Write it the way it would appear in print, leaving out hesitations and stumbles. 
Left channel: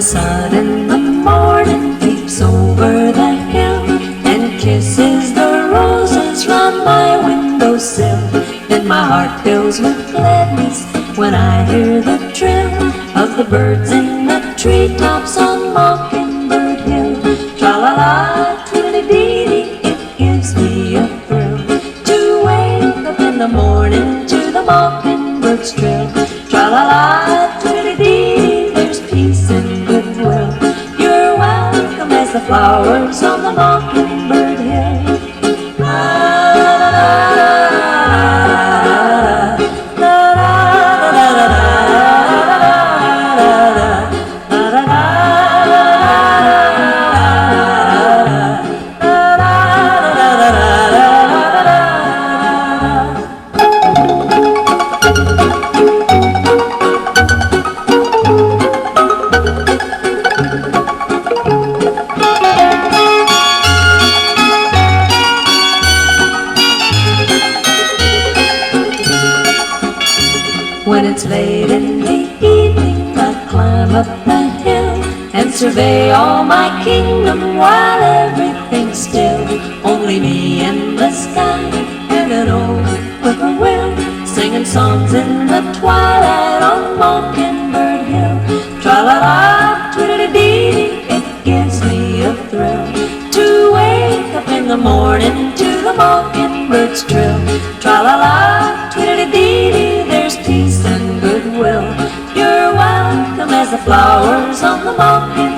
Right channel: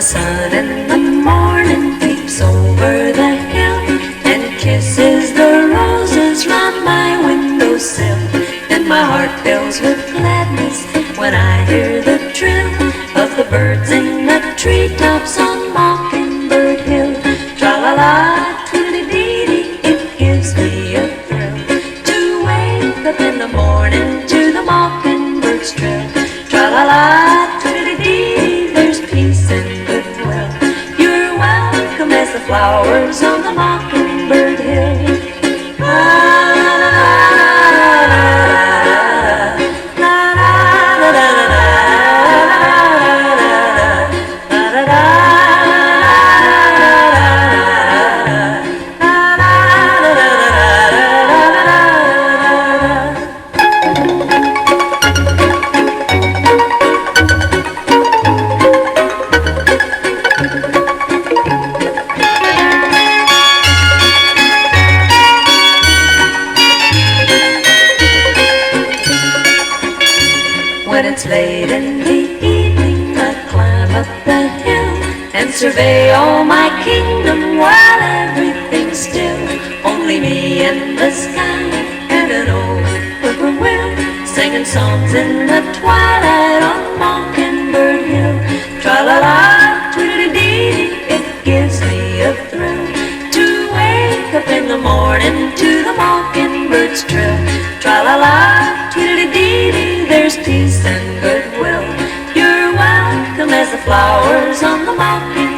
the sun in the morning peeps over the hill and kisses the roses round my windowsill. And my heart fills with gladness when I hear the trill of the birds in the treetops on Mockingbird Hill. Tra-la-la, tweedlee-dee-dee, it gives me a thrill to wake up in the morning to the mockingbird's trill. Tra-la-la, tweedlee-dee-dee, there's peace and goodwill. You're welcome as the flowers on the Mockingbird Hill. When it's late in the evening, I climb up the hill and survey all my kingdom while everything's still. Only me and the sky and an old whippoorwill singing songs in the twilight on Mockingbird Hill. Tra-la-la, tweedlee-dee-dee, it gives me a thrill to wake up in the morning to the mockingbird's trill. Tra-la-la, tweedlee-dee-dee, there's peace and goodwill. You're welcome as the flowers on the mockingbird.